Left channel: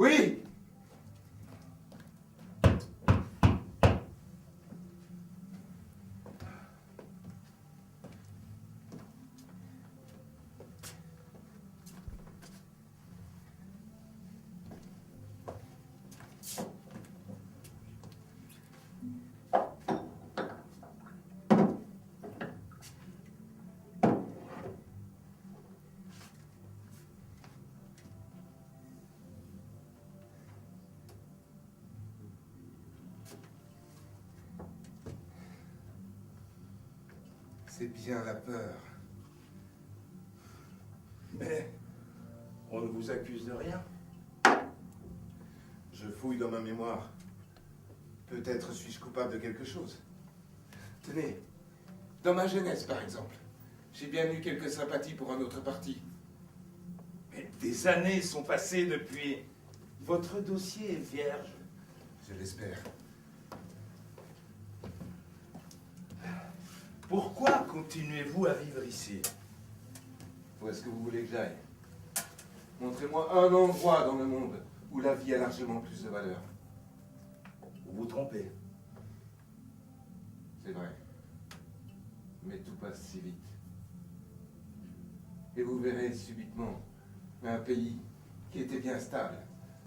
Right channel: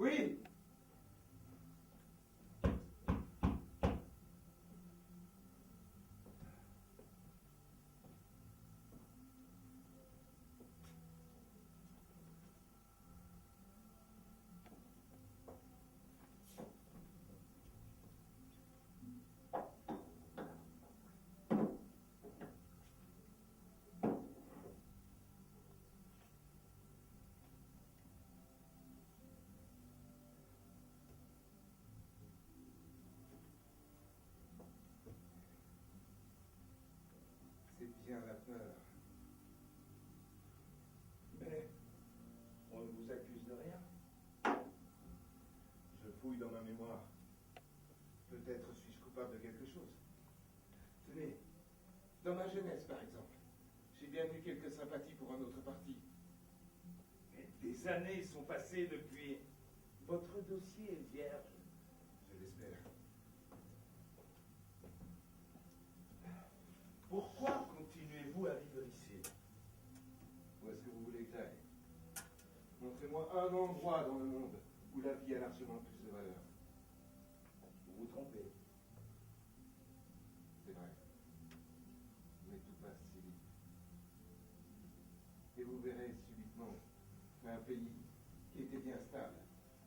Oui. C'est bien la peur. Mais on ne vous accuse de rien. Je fouille dans ma mémoire. Peut-être suis-je coupable de quelque chose. Tenez, dans ma jeunesse par exemple, j'ai bien eu quelques sympathies pour un autre parti. Mais des années sont passées depuis. Votre dossier est vierge. Je l'espère. Pourquoi continuez-vous à vivre ici? Où est-ce que vous voulez que j'aille? Montrez-moi un endroit dans le monde où la vie a largement plus de valeur. Vous vous trompez. C'est vrai. Mais tout passe si vite. Et vous verrez subitement un pays qui était bien stable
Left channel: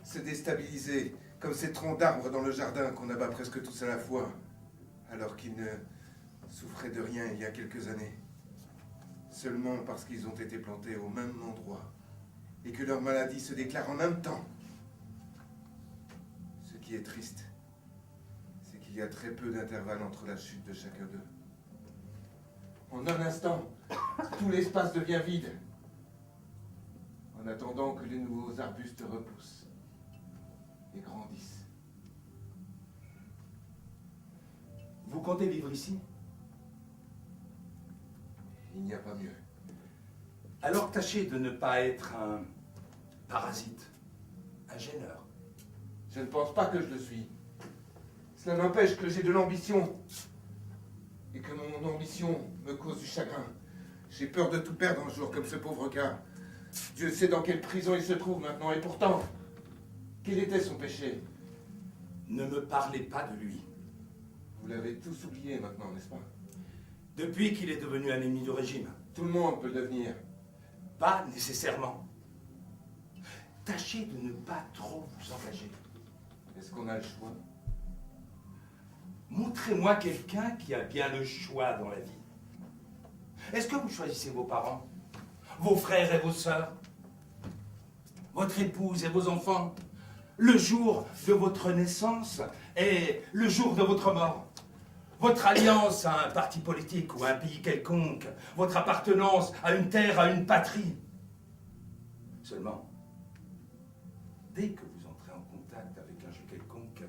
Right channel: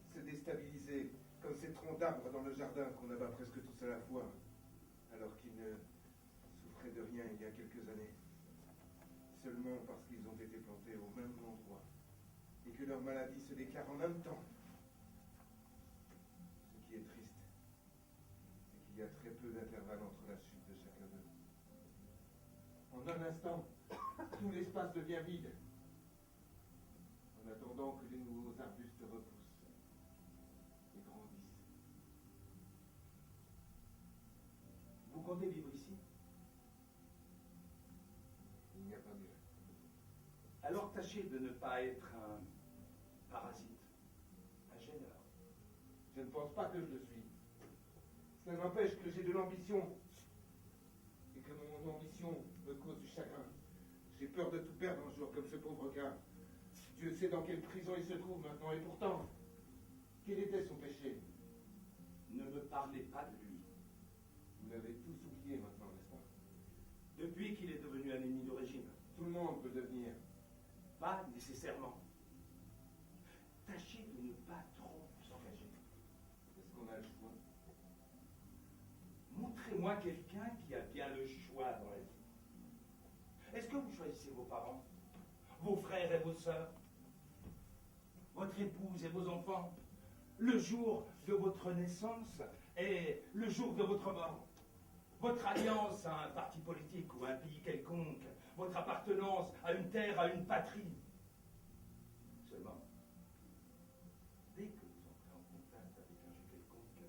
se déstabiliser comme ces troncs d'arbres dans le jardin qu'on abat presque tous à la fois, alors qu'ils ne souffraient de rien il y a quelques années. Seulement parce qu'ils ont été plantés au même endroit et que leur maladie se déclare en même temps. Ce qui est triste, c'est qu'il y a très peu d'intervalle entre la chute de chacun d'eux. En un instant, tout l'espace devient vide, en attendant que les nouveaux arbustes repoussent et grandissent. Vous comptez vivre ici? Il n'y a pas mieux. Alors tâchez de ne pas être un parasite, un gêneur. Je ne pense pas que je le suis. Cela n'empêche que j'ai de l'ambition. Et que mon ambition me cause du chagrin. J'ai peur de tout perdre un jour comme ce pauvre gars. Dieu sait dans quelle prison il se trouve maintenant. Et pourtant, quel était son péché? Ne me parlez pas de lui. Vous l'avez tous oublié maintenant, n'est-ce pas? Depuis qu'il est devenu un ennemi du régime. Tout le monde peut le devenir. Pas nécessairement. Tâchez de ne pas trop vous engager. Est-ce qu'on a le choix? Montrez-moi quelqu'un qui a bien le choix dans la vie. Est-ce que vous choisissez vos parents, vos frères et vos sœurs, votre épouse et vos enfants, le jour de votre naissance et le jour de votre mort? Votre alliance à un parti politique ou à un pays quelconque, votre appartenance à une terre, à une patrie. Seulement, dès que vous entrez en contact avec un jeu quelconque,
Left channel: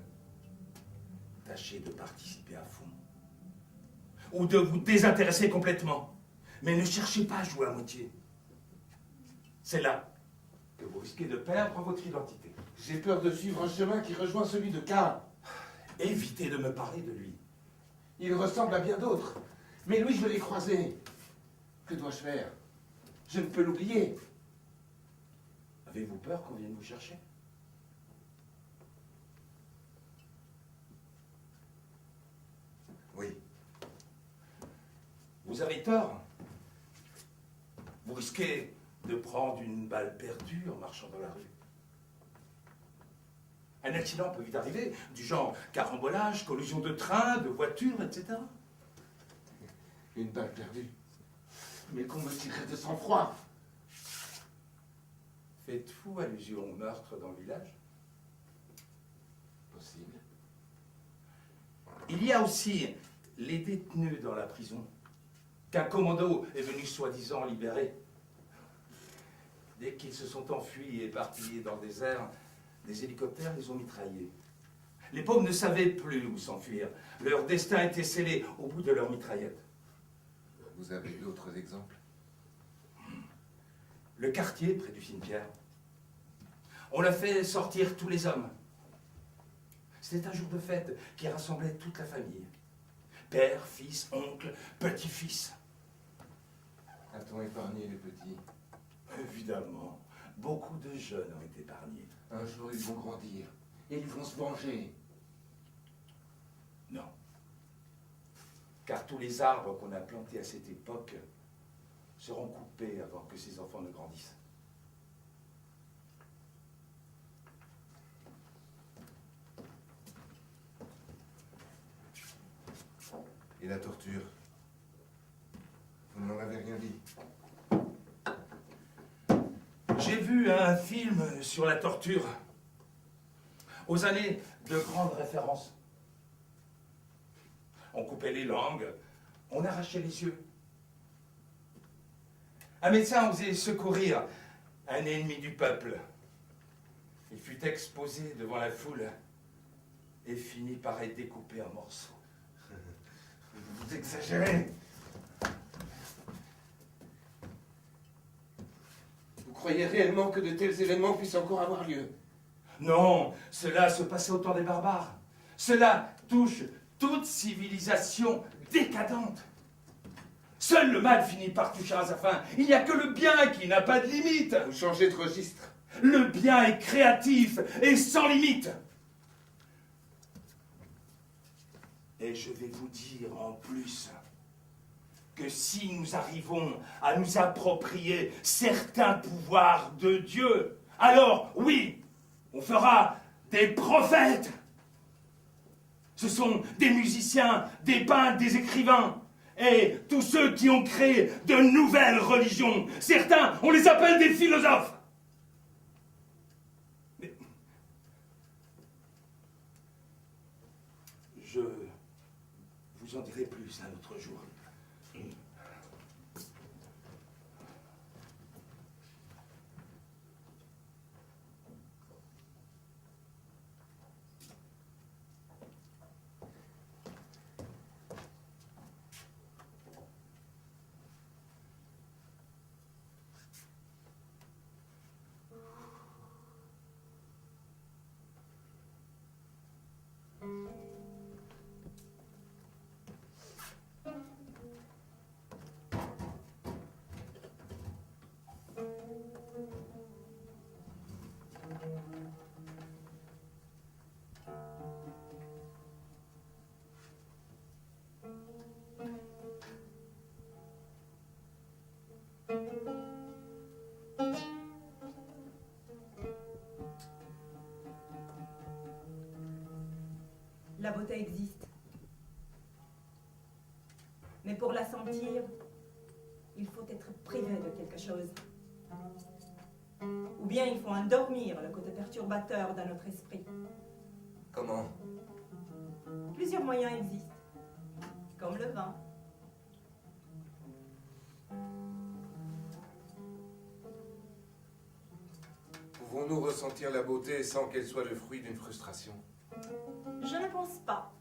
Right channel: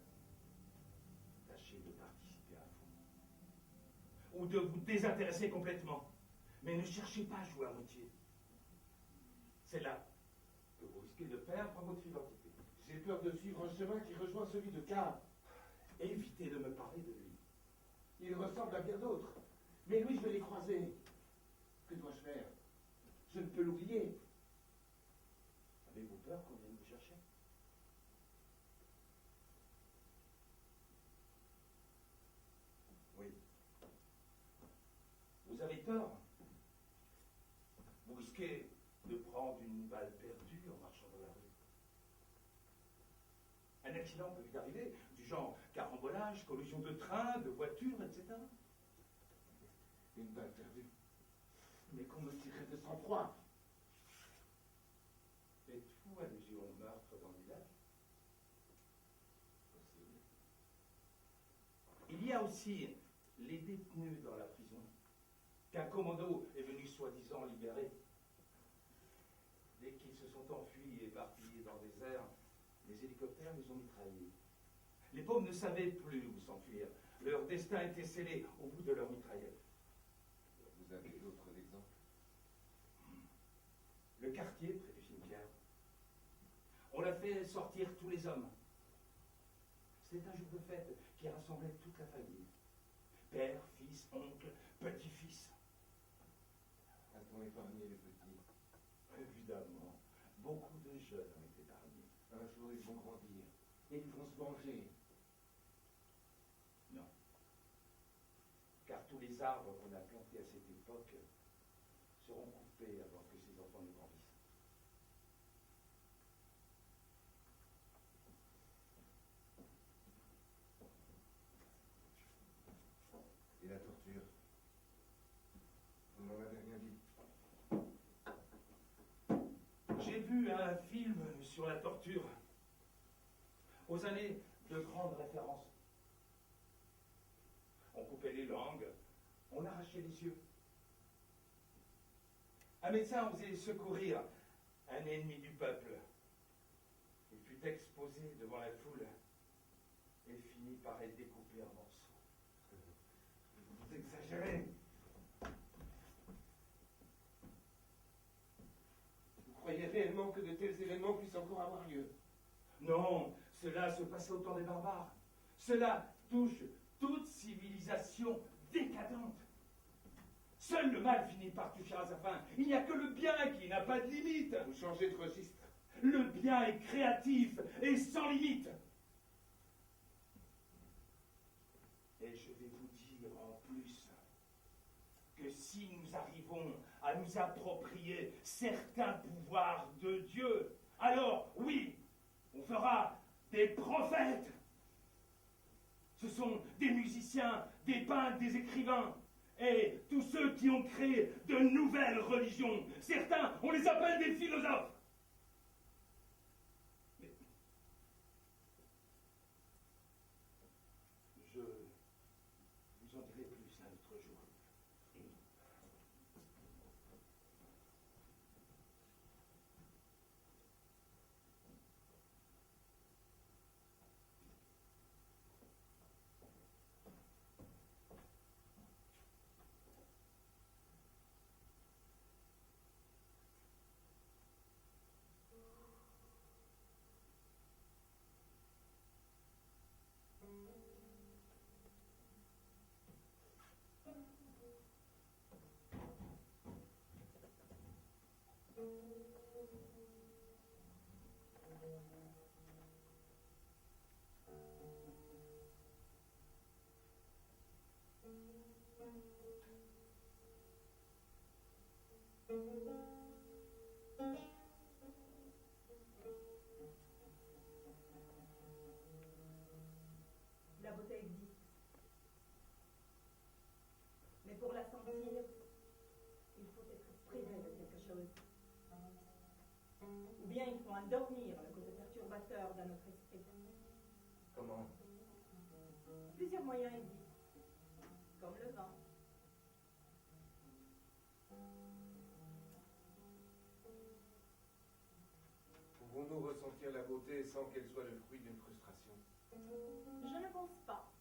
tâchez de participer à fond. Ou de vous désintéresser complètement. Mais ne cherchez pas à jouer à moitié. C'est là que vous risquez de perdre votre identité. J'ai peur de suivre un chemin qui rejoint celui de K. Évitez de me parler de lui. Il ressemble à bien d'autres. Mais lui, je l'ai croisé. Que dois-je faire? Je ne peux l'oublier. Avez-vous peur qu'on vienne vous chercher? Oui. Vous avez tort. Vous risquez de prendre une balle perdue en marchant dans la rue. Un accident peut vite arriver, du genre carambolage, collision de train, de voiture, etc. Une balle perdue. Mais qu'on me tirerait de sang-froid. Faites-vous allusion au meurtre dans le village? Possible. Il y a aussi les détenus dans la prison, qu'un commando est venu soi-disant libérer. Dès qu'ils se sont enfuis et éparpillés dans le désert, des hélicoptères les ont mitraillés. Les pauvres ne savaient plus où s'enfuir. Leur destin était scellé au bout de leur mitraillette. Vous avez d'autres exemples? Le quartier près du cimetière. On l'a fait sortir tous les hommes. C'était un jour de fête qui rassemblait toute la famille. Père, fils, oncle, petit-fils. A-t-on épargné les petits? Évidemment, beaucoup de jeunes ont été épargnés. Un jour, ils vont grandir. Et ils vont se venger. Non. Car tous les arbres qu'on a plantés à cette époque seront coupés avant que ces enfants ne grandissent. Et la torture? Vous ne m'en avez rien dit. J'ai vu un film sur la torture, aux années de grandes références. On coupait les langues, on arrachait les yeux. Un médecin osait secourir un ennemi du peuple. Il fut exposé devant la foule et finit par être découpé en morceaux. Vous exagérez. Vous croyez réellement que de tels événements puissent encore avoir lieu? Non, cela se passait au temps des barbares. Cela touche toute civilisation décadente. Seul le mal finit par toucher à sa fin. Il n'y a que le bien qui n'a pas de limite. Vous changez de registre. Le bien est créatif et sans limite. Et je vais vous dire en plus que si nous arrivons à nous approprier certains pouvoirs de Dieu, alors oui, on fera des prophètes. Ce sont des musiciens, des peintres, des écrivains, et tous ceux qui ont créé de nouvelles religions. Certains, on les appelle des philosophes. Mais je vous en dirai plus un autre jour. La beauté existe. Mais pour la sentir, il faut être privé de quelque chose. Ou bien il faut endormir le côté perturbateur de notre esprit. Comment? Plusieurs moyens existent, comme le vin. Pouvons-nous ressentir la beauté sans qu'elle soit le fruit d'une frustration? Je ne pense pas.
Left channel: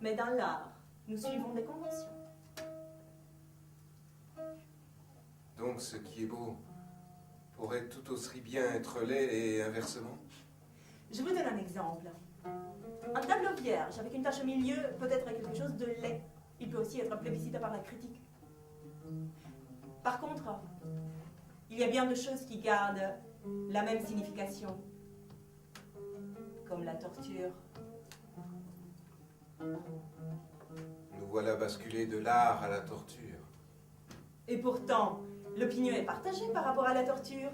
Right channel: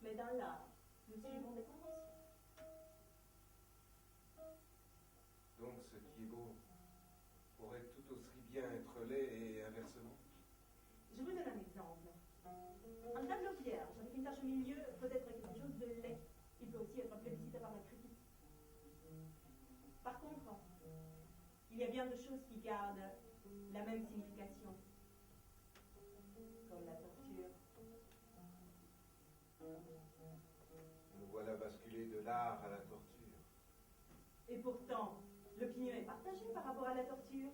Mais dans l'art, nous suivons des conventions. Donc ce qui est beau pourrait tout aussi bien être laid et inversement? Je vous donne un exemple. Un tableau vierge avec une tache au milieu peut être quelque chose de laid. Il peut aussi être plébiscité par la critique. Par contre, il y a bien de choses qui gardent la même signification, comme la torture. Nous voilà basculés de l'art à la torture. Et pourtant, l'opinion est partagée par rapport à la torture.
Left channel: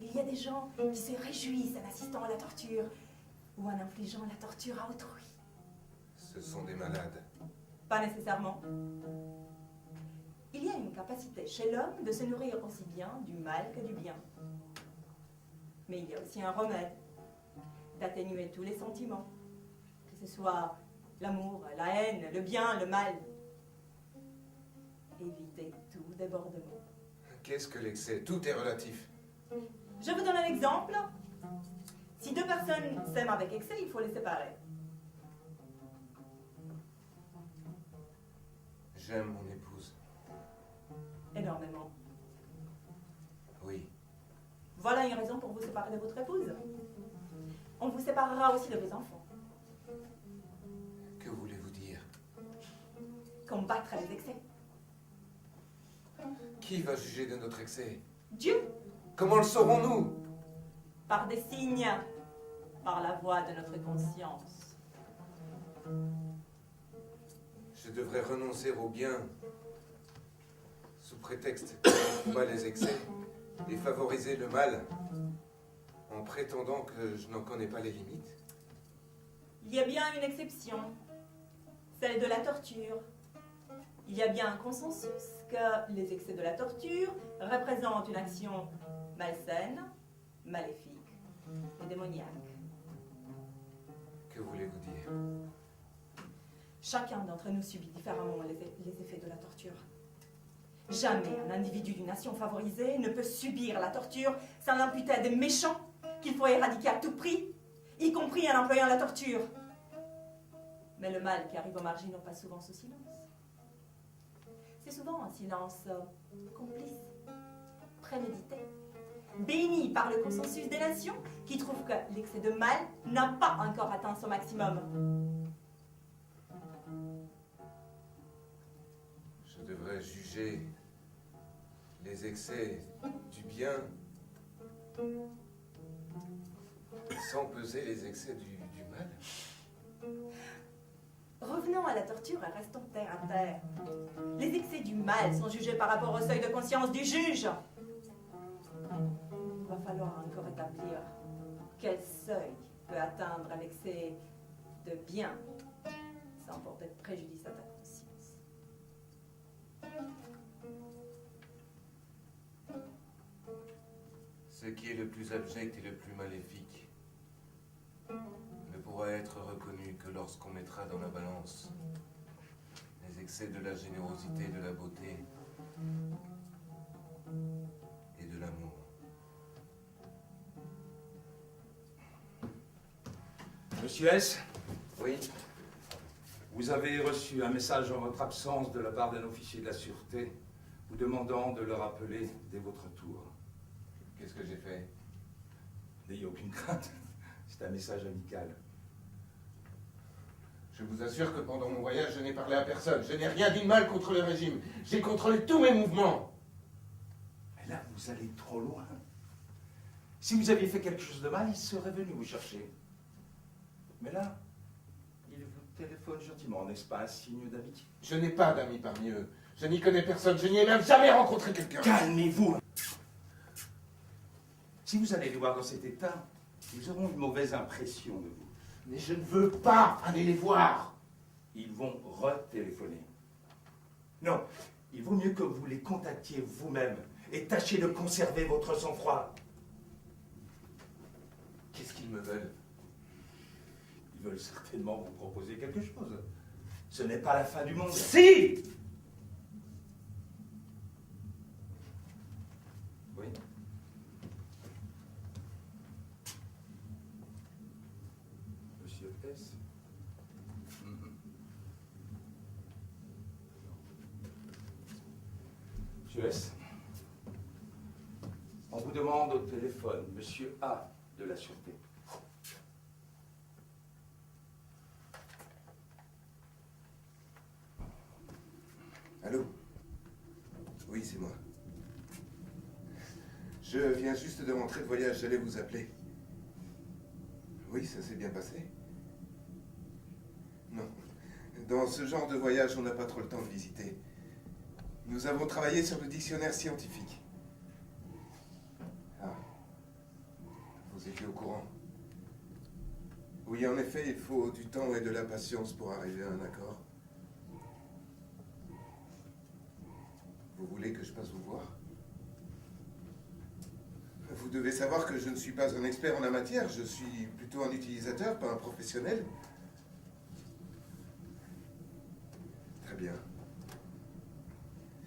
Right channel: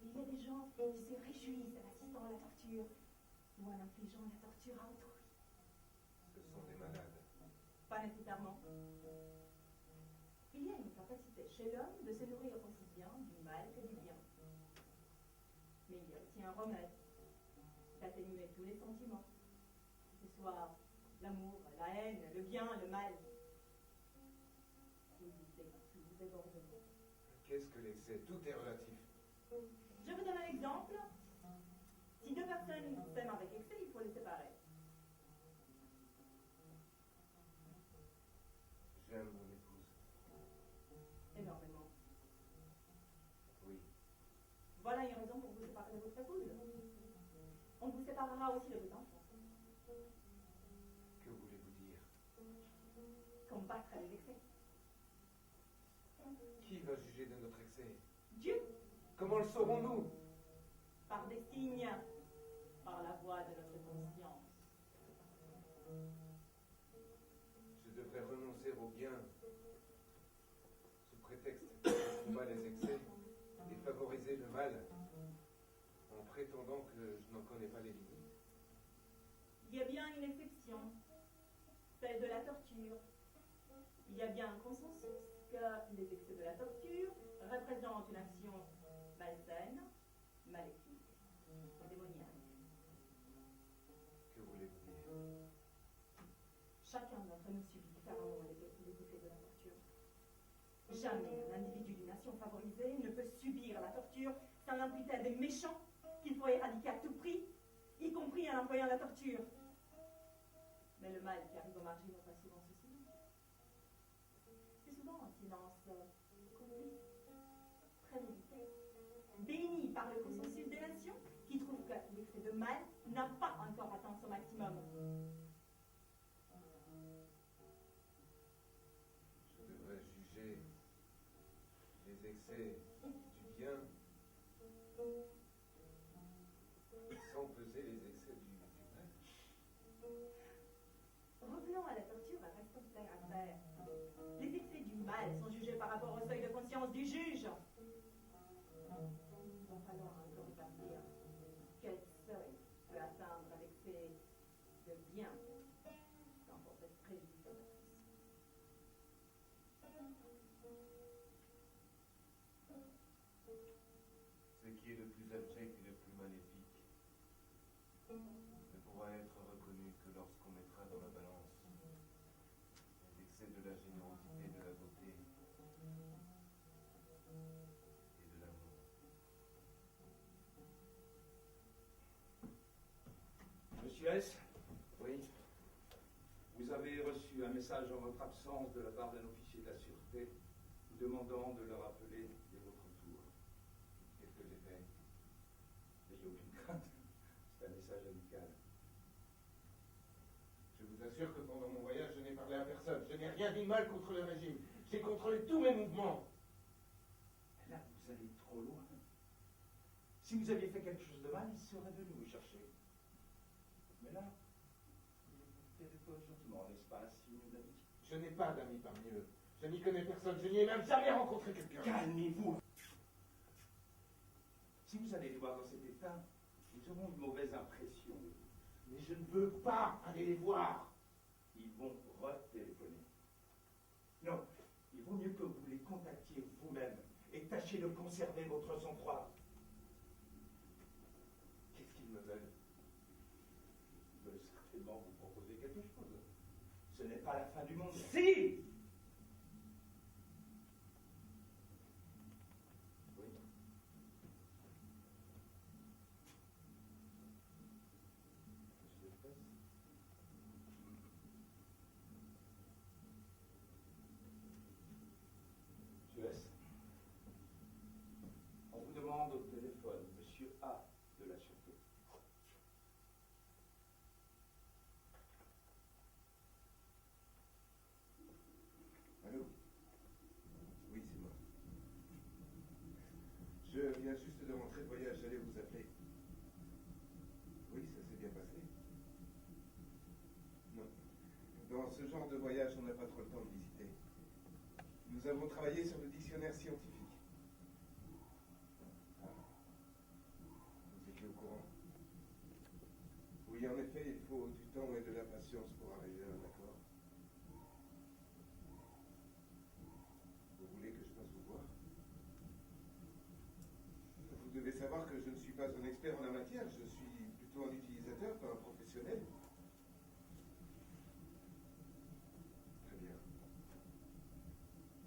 Il y a des gens qui se réjouissent en assistant à la torture ou en infligeant la torture à autrui. Ce sont des malades. Pas nécessairement. Il y a une capacité chez l'homme de se nourrir aussi bien du mal que du bien. Mais il y a aussi un remède d'atténuer tous les sentiments, que ce soit l'amour, la haine, le bien, le mal. Éviter tout débordement. Qu'est-ce que l'excès? Tout est relatif. Je vous donne un exemple. Si deux personnes s'aiment avec excès, il faut les séparer. J'aime mon épouse. Énormément. Oui. Voilà une raison pour vous séparer de votre épouse. On vous séparera aussi de vos enfants. Que voulez-vous dire? Combattre les excès. Qui va juger de notre excès? Dieu, Comment le saurons-nous? par des signes, par la voix de notre conscience. Je devrais renoncer au bien sous prétexte de combattre les excès et favoriser le mal en prétendant que je n'en connais pas les limites. Il y a bien une exception, celle de la torture. Il y a bien un consensus que les excès de la torture représentent une action malsaine, maléfique et démoniaque. Que voulez-vous dire? Chacun d'entre nous subit différemment les effets de la torture. Jamais un individu d'une nation favorisée ne peut subir la torture sans l'imputer à des méchants qu'il faut éradiquer à tout prix, y compris en employant la torture. Mais le mal qui arrive aux marginaux passe souvent sous silence. C'est souvent un silence complice, prémédité, béni par le consensus des nations qui trouvent que l'excès de mal n'a pas encore atteint son maximum. Je devrais juger les excès du bien sans peser les excès du mal. Revenons à la torture et restons terre à terre. Les excès du mal sont jugés par rapport au seuil de conscience du juge. Il va falloir encore établir quel seuil peut atteindre l'excès de bien sans porter préjudice à ta conscience. Ce qui est le plus abject et le plus maléfique ne pourra être reconnu que lorsqu'on mettra dans la balance les excès de la générosité, de la beauté et de l'amour. Monsieur S, Oui, vous avez reçu un message en votre absence de la part d'un officier de la sûreté vous demandant de le rappeler dès votre tour. qu'est-ce que j'ai fait? N'ayez aucune crainte, c'est un message amical. Je vous assure que pendant mon voyage, je n'ai parlé à personne. Je n'ai rien dit de mal contre le régime. J'ai contrôlé tous mes mouvements. Mais là, vous allez trop loin. Si vous aviez fait quelque chose de mal, il serait venu vous chercher. Mais là, il vous téléphone gentiment, n'est-ce pas un signe d'amitié? Je n'ai pas d'amis parmi eux. Je n'y connais personne. Je n'y ai même jamais rencontré quelqu'un. Calmez-vous. Si vous allez les voir dans cet état, ils auront une mauvaise impression de vous. Mais je ne veux pas aller les voir. Ils vont retéléphoner. Non, il vaut mieux que vous les contactiez vous-même et tâchez de conserver votre sang-froid. Qu'est-ce qu'ils me veulent? Ils veulent certainement vous proposer quelque chose. Ce n'est pas la fin du monde. Si! Oui. Monsieur S. Monsieur S. On vous demande au téléphone, Monsieur A de la Sûreté. Allô? Oui, c'est moi. Je viens juste de rentrer de voyage, j'allais vous appeler. Oui, ça s'est bien passé. Non. Dans ce genre de voyage, on n'a pas trop le temps de visiter. Nous avons travaillé sur le dictionnaire scientifique. Ah. Vous étiez au courant. Oui, en effet, il faut du temps et de la patience pour arriver à un accord. Vous voulez que je passe vous voir? Vous devez savoir que je ne suis pas un expert en la matière, je suis plutôt un utilisateur, pas un professionnel. Très bien.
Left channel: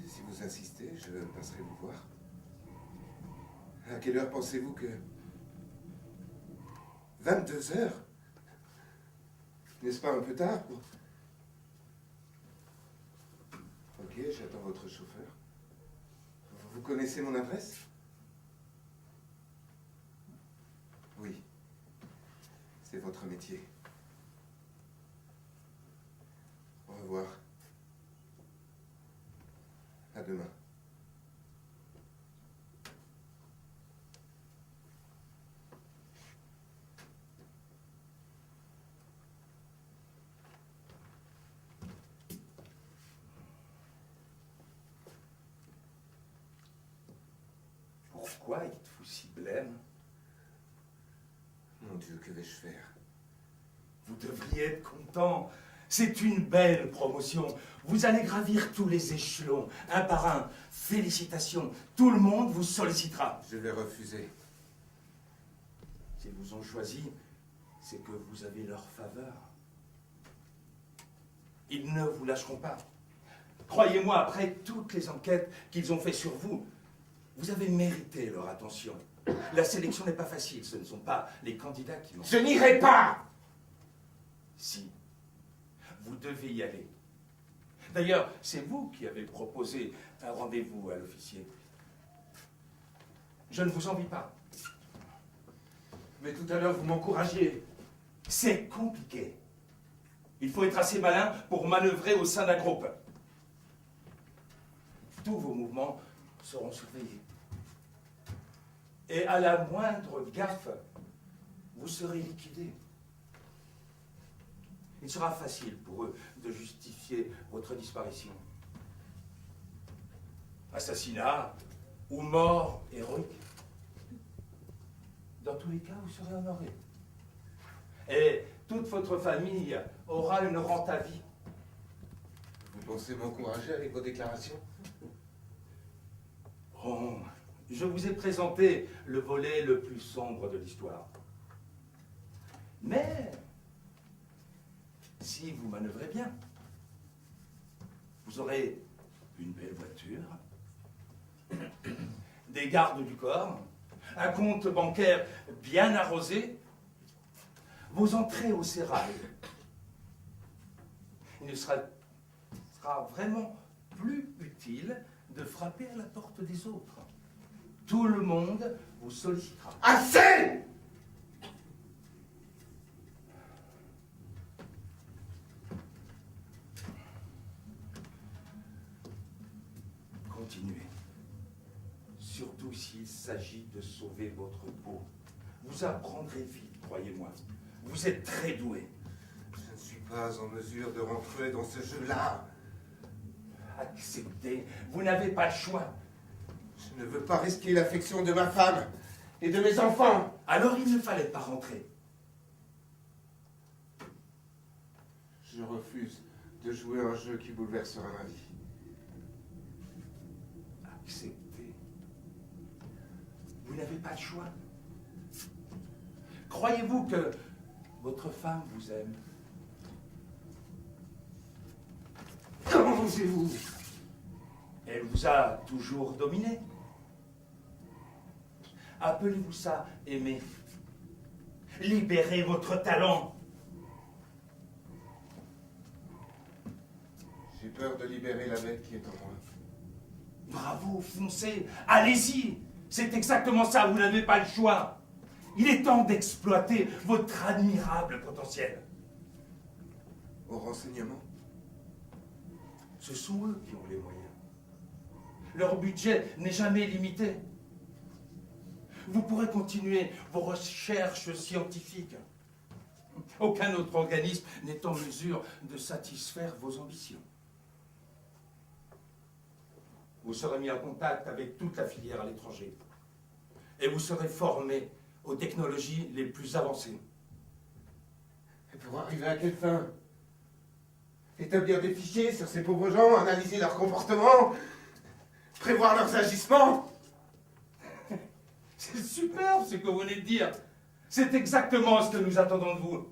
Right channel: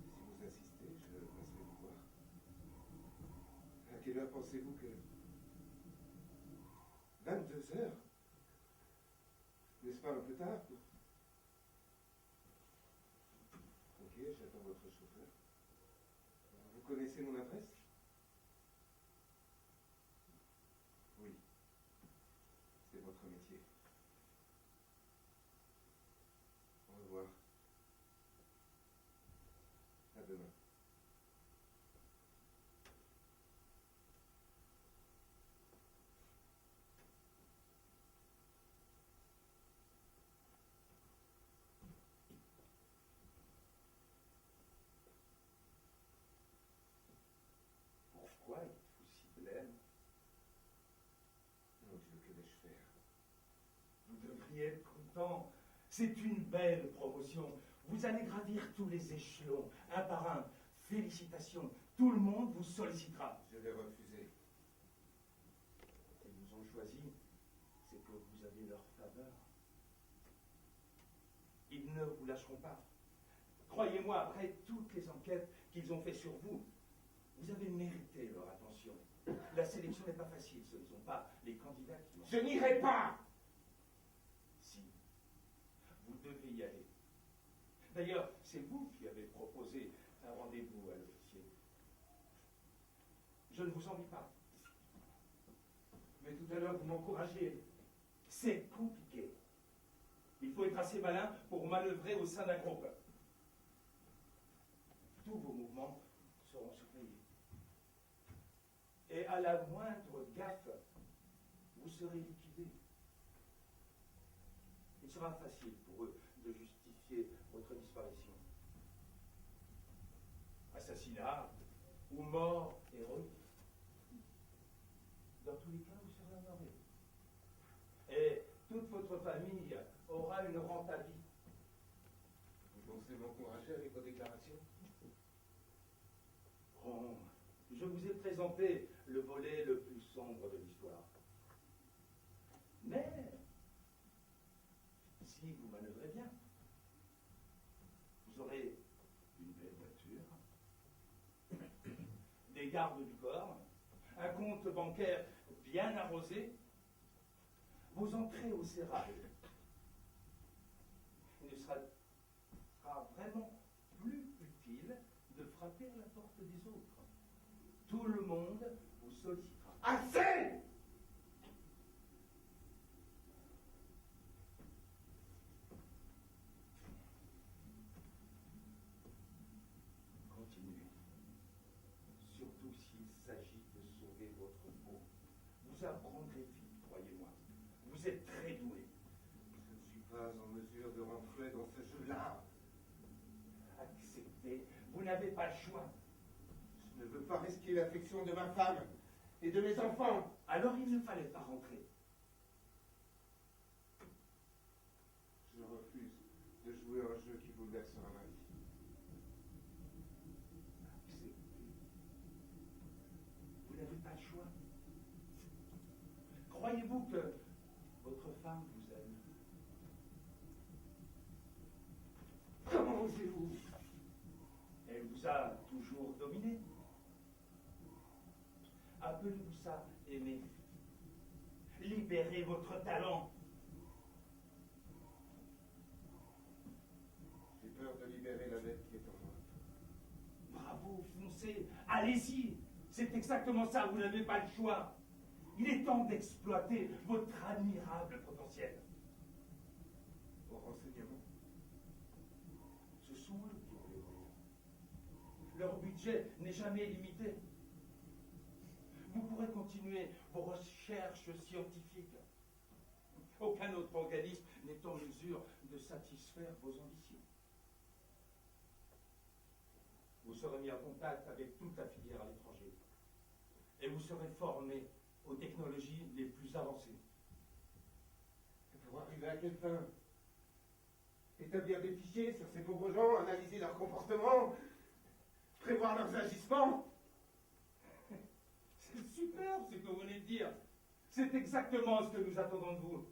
Si vous insistez, je passerai vous voir. À quelle heure pensez-vous que... 22 heures? N'est-ce pas un peu tard pour... Ok, j'attends votre chauffeur. Vous connaissez mon adresse? Oui. C'est votre métier. Au revoir. À demain. Pourquoi êtes-vous si blême? Mon Dieu, que vais-je faire? Vous devriez être content. C'est une belle promotion. Vous allez gravir tous les échelons, un par un. Félicitations. Tout le monde vous sollicitera. Je vais refuser. S'ils vous ont choisi, c'est que vous avez leur faveur. Ils ne vous lâcheront pas. Croyez-moi, après toutes les enquêtes qu'ils ont faites sur vous, vous avez mérité leur attention. La sélection n'est pas facile, ce ne sont pas les candidats qui l'ont. Je n'irai pas! Si, vous devez y aller. D'ailleurs, c'est vous qui avez proposé un rendez-vous à l'officier. Je ne vous envie pas. Mais tout à l'heure, vous m'encouragiez. C'est compliqué. Il faut être assez malin pour manœuvrer au sein d'un groupe. Tous vos mouvements seront surveillés. Et à la moindre gaffe, vous serez liquidé. Il sera facile pour eux de justifier votre disparition. Assassinat ou mort héroïque. Dans tous les cas, vous serez honoré. Et toute votre famille aura une rente à vie. Vous pensez m'encourager avec vos déclarations? Oh, je vous ai présenté le volet le plus sombre de l'histoire. Mais, si vous manœuvrez bien, vous aurez une belle voiture, des gardes du corps, un compte bancaire bien arrosé, vos entrées au sérail. Il ne sera vraiment plus utile de frapper à la porte des autres. Tout le monde vous sollicitera. Assez! Continuez. Surtout s'il s'agit de sauver votre peau. Vous apprendrez vite, croyez-moi. Vous êtes très doué. Je ne suis pas en mesure de rentrer dans ce jeu-là. Acceptez. Vous n'avez pas le choix. Je ne veux pas risquer l'affection de ma femme et de mes enfants. Alors il ne fallait pas rentrer. Je refuse de jouer un jeu qui bouleversera ma vie. Acceptez. Vous n'avez pas le choix. Croyez-vous que votre femme vous aime? Comment osez-vous? Elle vous a toujours dominé. Appelez-vous ça aimer. Libérez votre talent. J'ai peur de libérer la bête qui est en moi. Bravo, foncez, allez-y. C'est exactement ça, vous n'avez pas le choix. Il est temps d'exploiter votre admirable potentiel. Au renseignement? Ce sont eux qui ont les moyens. Leur budget n'est jamais limité. Vous pourrez continuer vos recherches scientifiques. Aucun autre organisme n'est en mesure de satisfaire vos ambitions. Vous serez mis en contact avec toute la filière à l'étranger. Et vous serez formé aux technologies les plus avancées. Et pour arriver à quelle fin? Établir des fichiers sur ces pauvres gens, analyser leur comportement, prévoir leurs agissements? C'est superbe ce que vous venez de dire. C'est exactement ce que nous attendons de vous.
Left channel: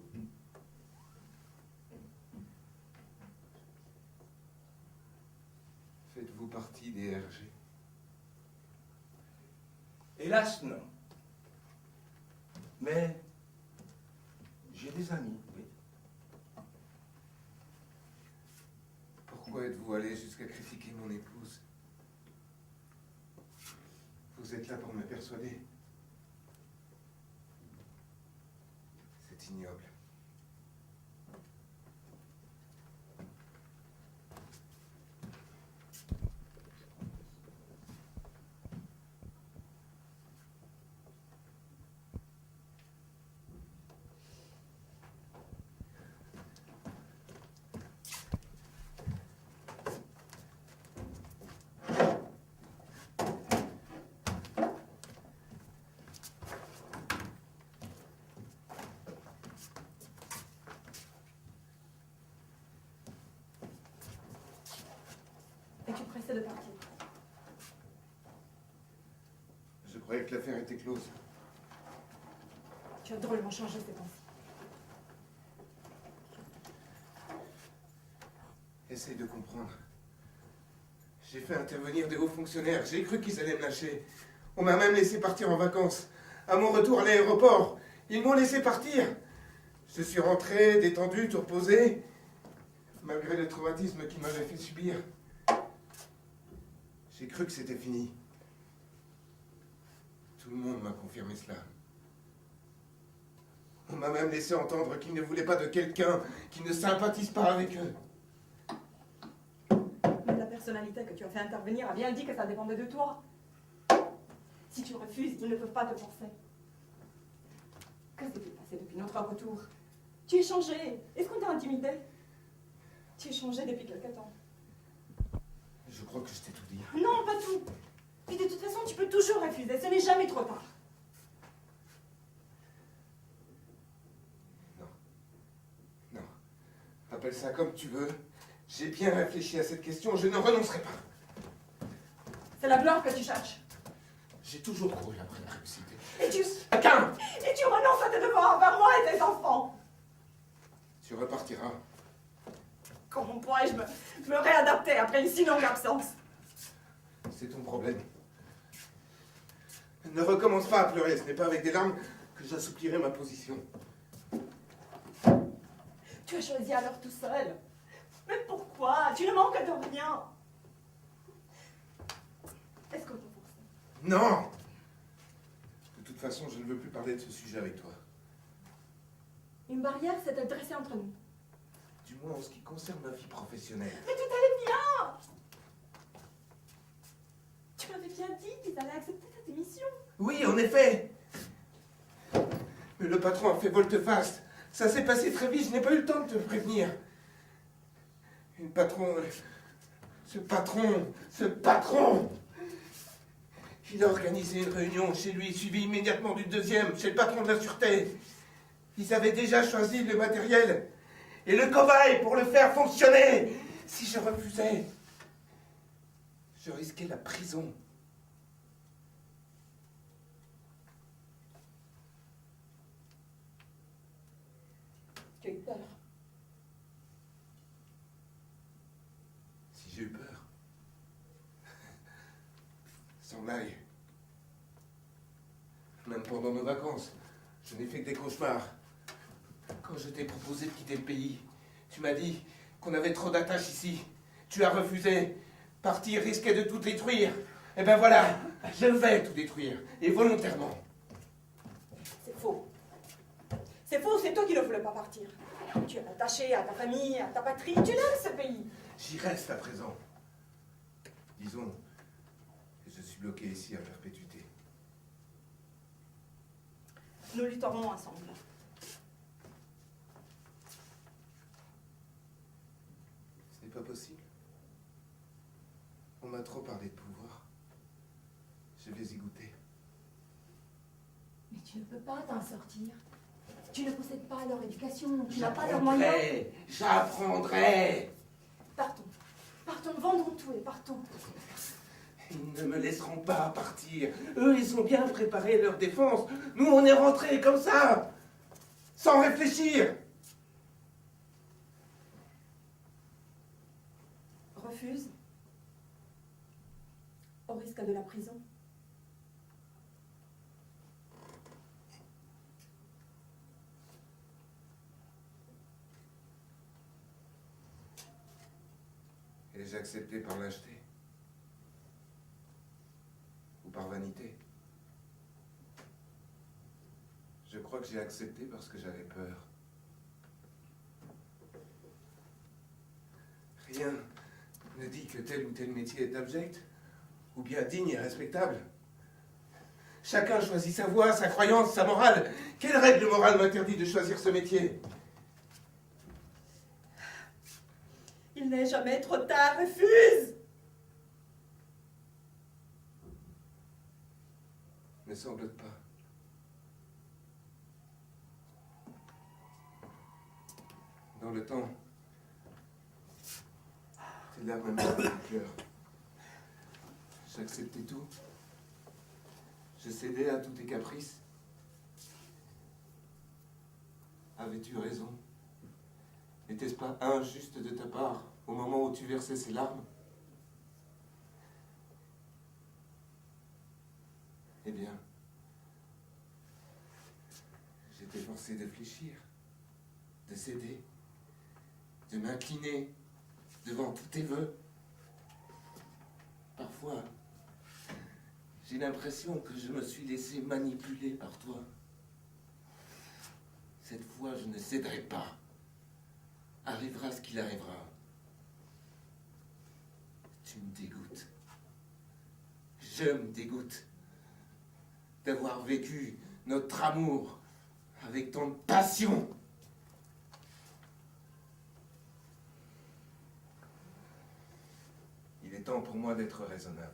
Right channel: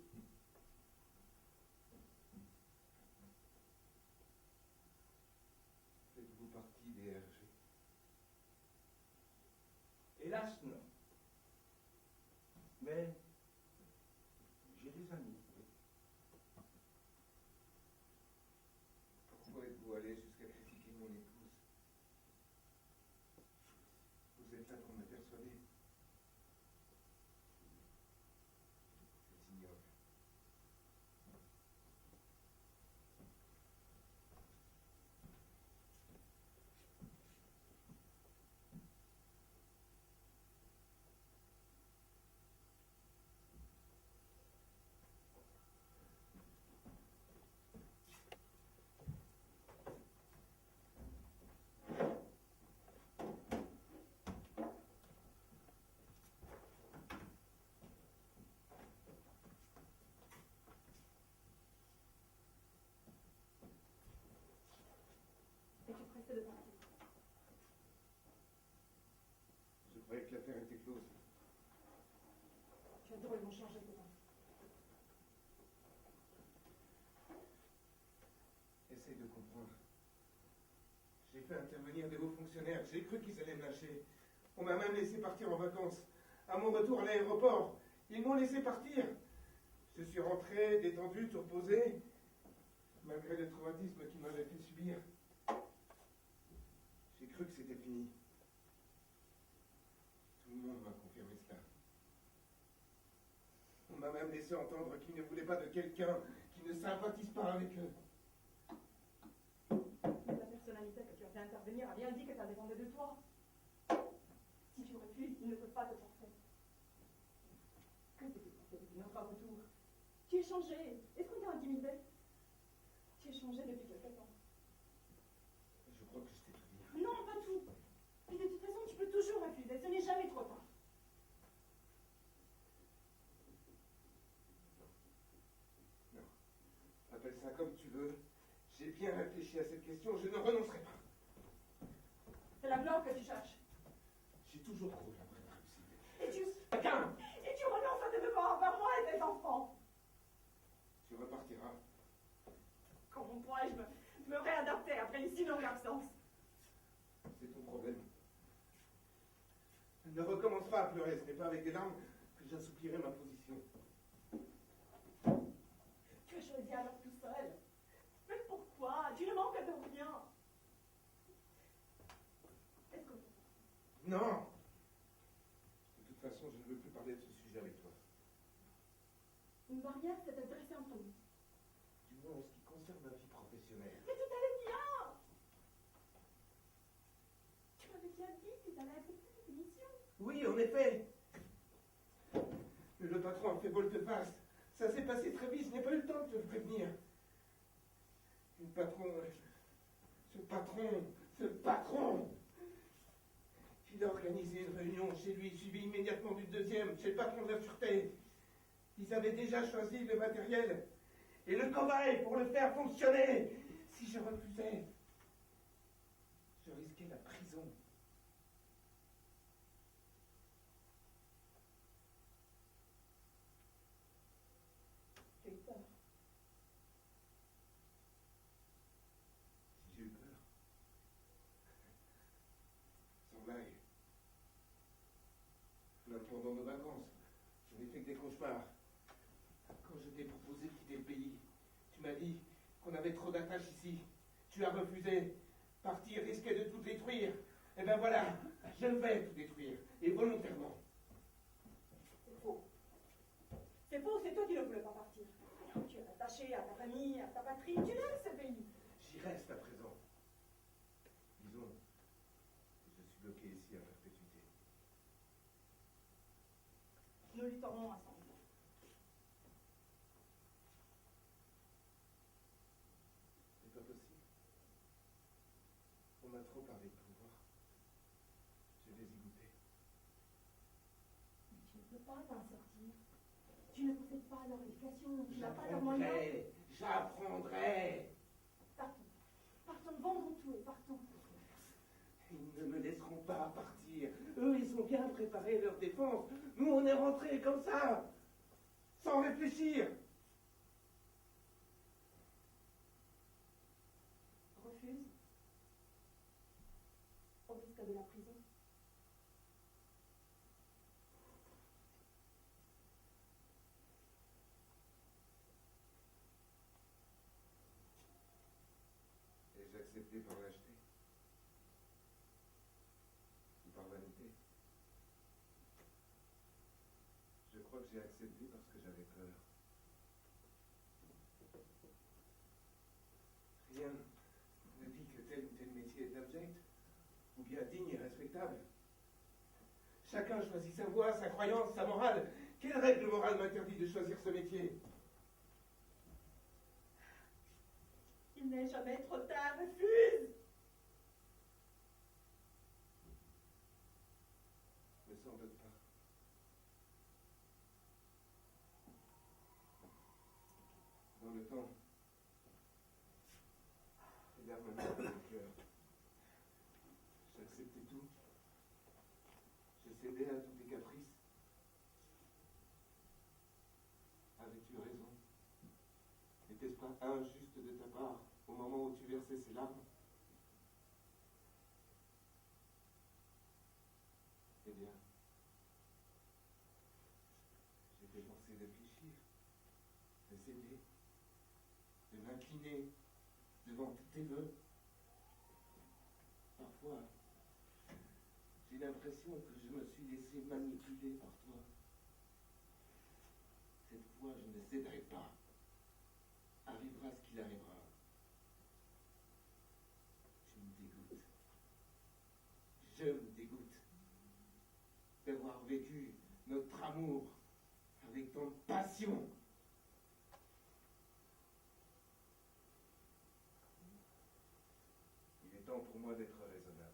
Faites-vous partie des RG? Hélas, non. Mais j'ai des amis, oui. Pourquoi êtes-vous allé jusqu'à critiquer mon épouse? Vous êtes là pour me persuader. C'est ignoble. c'est de partir. Je croyais que l'affaire était close. Tu as drôlement changé ces temps-ci. Essaye de comprendre. J'ai fait intervenir des hauts fonctionnaires. J'ai cru qu'ils allaient me lâcher. On m'a même laissé partir en vacances. À mon retour à l'aéroport, ils m'ont laissé partir. Je suis rentré, détendu, tout reposé, malgré le traumatisme qu'ils m'avaient fait subir. J'ai cru que c'était fini. Tout le monde m'a confirmé cela. On m'a même laissé entendre qu'ils ne voulaient pas de quelqu'un qui ne sympathise pas avec eux. Mais la personnalité que tu as fait intervenir a bien dit que ça dépendait de toi. Si tu refuses, ils ne peuvent pas te forcer. Que s'est-il passé depuis notre retour? Tu es changé. Est-ce qu'on t'a intimidé? Tu es changé depuis quelque temps. Je crois que je t'ai tout dit. Non, pas tout. Puis de toute façon, tu peux toujours refuser. Ce n'est jamais trop tard. Non. Appelle ça comme tu veux. J'ai bien réfléchi à cette question. Je ne renoncerai pas. C'est la gloire que tu cherches. J'ai toujours couru après la réussite. Et tu Chacun renonces à tes devoirs envers moi et tes enfants. Tu repartiras. Comment pourrais-je me réadapter après une si longue absence? C'est ton problème. Ne recommence pas à pleurer. Ce n'est pas avec des larmes que j'assouplirai ma position. Tu as choisi alors tout seul. Mais pourquoi? Tu ne manques de rien. Est-ce qu'on t'a forcé? Non! De toute façon, je ne veux plus parler de ce sujet avec toi. Une barrière s'est dressée entre nous. Du moins en ce qui concerne ma vie professionnelle. Mais tout allait bien. Tu m'avais bien dit qu'ils allaient accepter ta démission. Oui, en effet! Mais le patron a fait volte-face. Ça s'est passé très vite, je n'ai pas eu le temps de te prévenir. Ce patron! Il a organisé une réunion chez lui, suivie immédiatement d'une deuxième, chez le patron de la sûreté. Ils avaient déjà choisi le matériel et le cobaye pour le faire fonctionner. Si je refusais, je risquais la prison. Tu as eu peur. Si j'ai eu peur. Sans blague. Même pendant nos vacances, je n'ai fait que des cauchemars. Quand je t'ai proposé de quitter le pays, tu m'as dit qu'on avait trop d'attaches ici. Tu as refusé. Partir risquait de tout détruire. Et ben voilà, je vais tout détruire. Et volontairement. C'est faux. C'est faux, c'est toi qui ne voulais pas partir. Tu es attaché à ta famille, à ta patrie. Tu l'aimes ce pays. J'y reste à présent. Disons que je suis bloqué ici à perpétuité. Nous lutterons ensemble. Ce n'est pas possible. On m'a trop parlé de pouvoir. Je vais y goûter. Mais tu ne peux pas t'en sortir. Tu ne possèdes pas leur éducation, tu n'as pas leurs moyens. J'apprendrai. Partons. Partons, vendons tout et partons. Ils ne me laisseront pas partir. Eux, ils ont bien préparé leur défense. Nous, on est rentrés comme ça, sans réfléchir. Refuse. Au risque de la prison. Ai-je accepté par lâcheté? Ou par vanité? Je crois que j'ai accepté parce que j'avais peur. Rien ne dit que tel ou tel métier est abject, ou bien digne et respectable. Chacun choisit sa voie, sa croyance, sa morale. Quelle règle morale m'interdit de choisir ce métier? Il n'est jamais trop tard, refuse. Ne sans doute pas. Dans le temps, tes larmes m'ont dans le cœur. J'acceptais tout. Je cédais à tous tes caprices. Avais-tu raison? N'était-ce pas injuste de ta part au moment où tu versais ces larmes? Eh bien, j'étais forcé de fléchir, de céder, de m'incliner devant tous tes vœux. Parfois, j'ai l'impression que je me suis laissé manipuler par toi. Cette fois, je ne céderai pas. Arrivera ce qu'il arrivera. Tu me dégoûtes. Je me dégoûte d'avoir vécu notre amour avec tant de passion. Il est temps pour moi d'être raisonnable.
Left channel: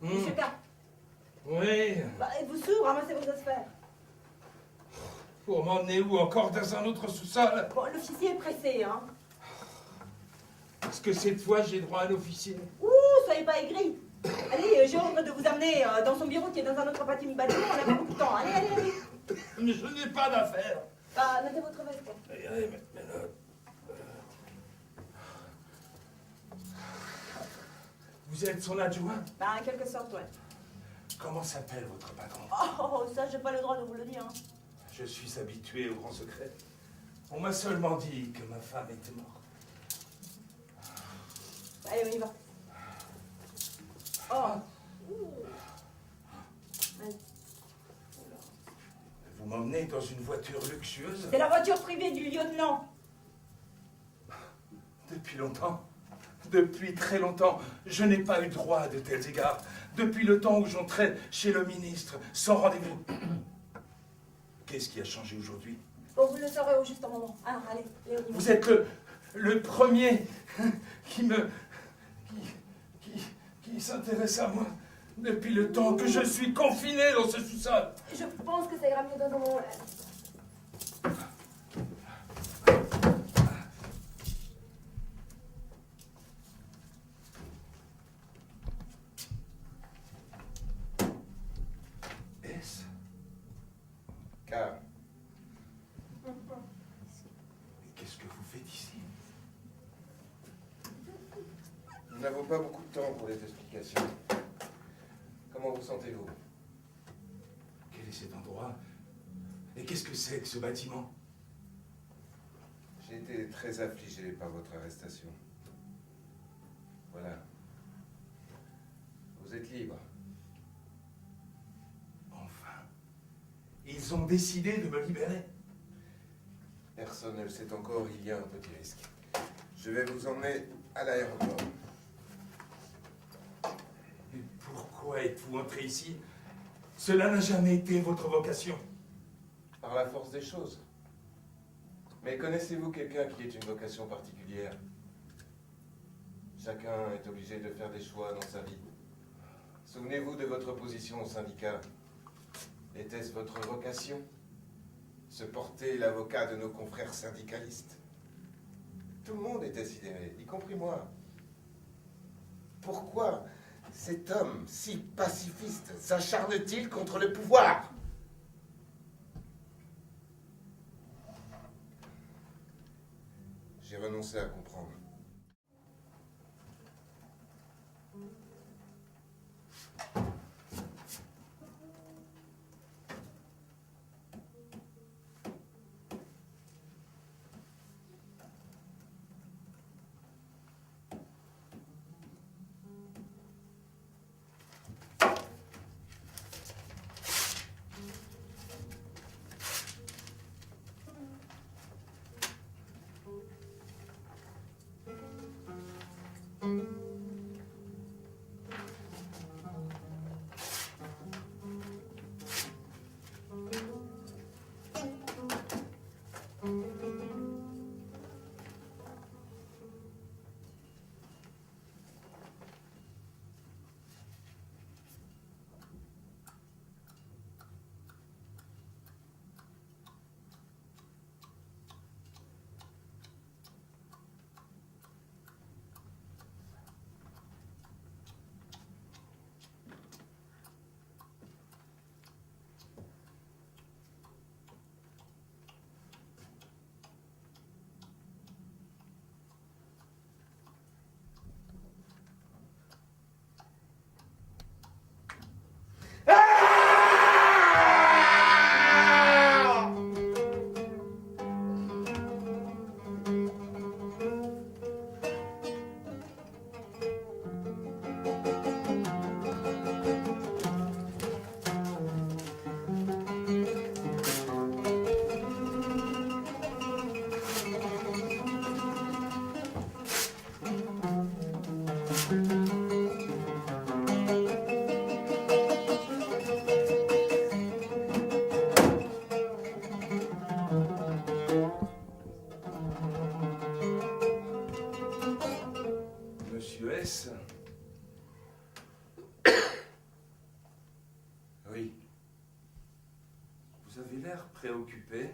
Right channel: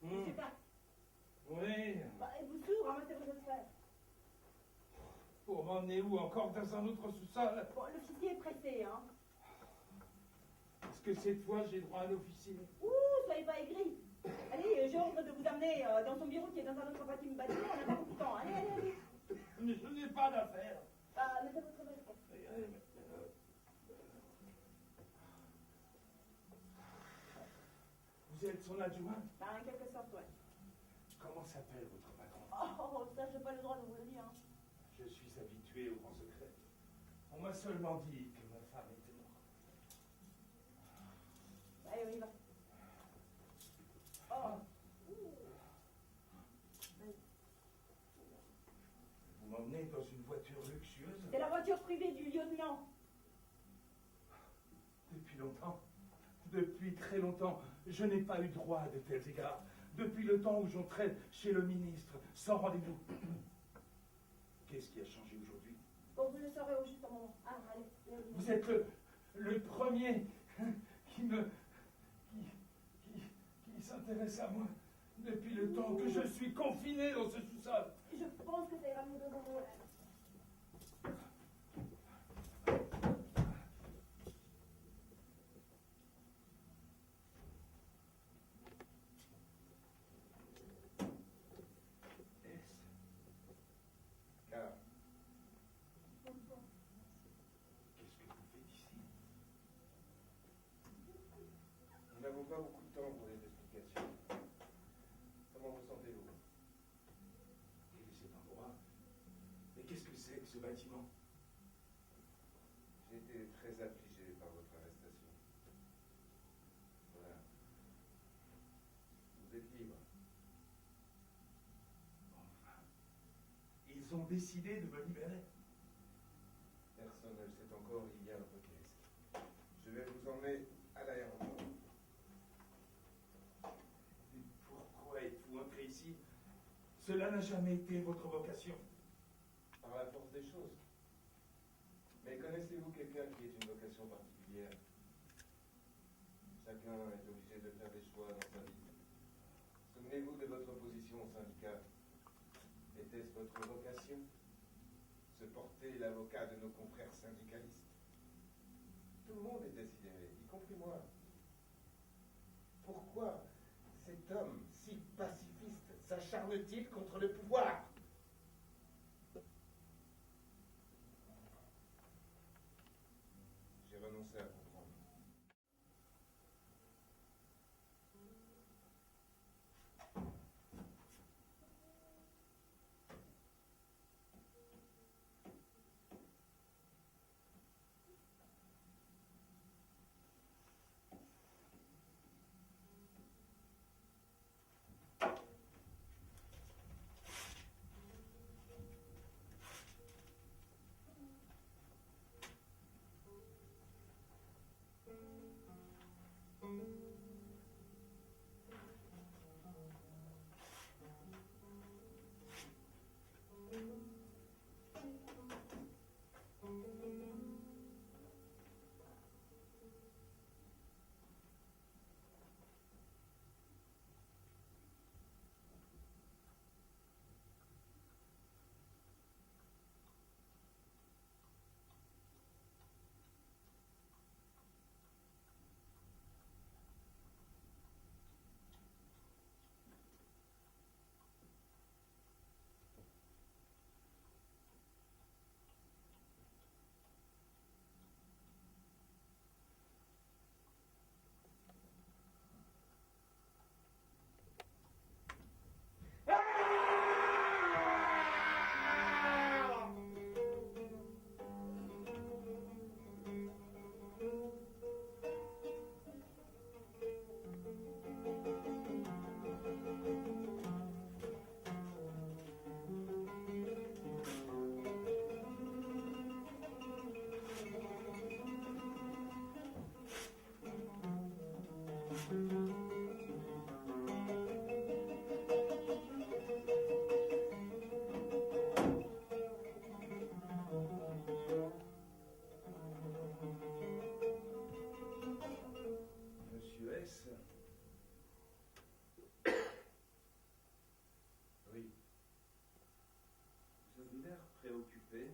Monsieur K. Oui. Bah, êtes-vous sourd? Ramassez vos affaires. Pour m'emmener où? Encore dans un autre sous-sol? Bon, l'officier est pressé, hein. Est-ce que cette fois j'ai droit à un officier? Ouh, soyez pas aigris. Allez, j'ai ordre de vous amener dans son bureau qui est dans un autre bâtiment. On n'a pas beaucoup de temps. Allez, allez, allez. Mais je n'ai pas d'affaires. Bah, mettez votre veste. Allez, mais là... Vous êtes son adjoint? Bah, en quelque sorte, ouais. Comment s'appelle votre patron? Oh, ça, j'ai pas le droit de vous le dire. Hein. Je suis habitué au grand secret. On m'a seulement dit que ma femme était morte. Allez, on y va. Oh. Allez. Vous m'emmenez dans une voiture luxueuse? C'est la voiture privée du lieutenant. Depuis longtemps, depuis très longtemps, je n'ai pas eu droit à de tels égards. Depuis le temps où j'entrais chez le ministre, sans rendez-vous. Qu'est-ce qui a changé aujourd'hui? Bon, vous le saurez au juste moment. Alors, allez, on y va. Vous êtes le premier qui s'intéresse à moi depuis le temps que je suis confiné dans ce sous-sol. Je pense que ça ira mieux dans un moment. Est-ce? Car Qu'est-ce que vous faites ici? nous n'avons pas beaucoup de temps pour les explications. Comment vous sentez-vous? Quel est cet endroit? Et qu'est-ce que c'est que ce bâtiment? J'ai été très affligé par votre arrestation. Voilà. Vous êtes libre. Enfin, ils ont décidé de me libérer. personne ne le sait encore, il y a un petit risque. Je vais vous emmener à l'aéroport. Mais pourquoi êtes-vous entré ici? Cela n'a jamais été votre vocation. Par la force des choses. Mais connaissez-vous quelqu'un qui ait une vocation particulière? Chacun est obligé de faire des choix dans sa vie. Souvenez-vous de votre position au syndicat. Était-ce votre vocation? Se porter l'avocat de nos confrères syndicalistes. Tout le monde était sidéré, y compris moi. Pourquoi cet homme si pacifiste s'acharne-t-il contre le pouvoir? J'ai renoncé à comprendre. Monsieur S. Oui, Vous avez l'air préoccupé.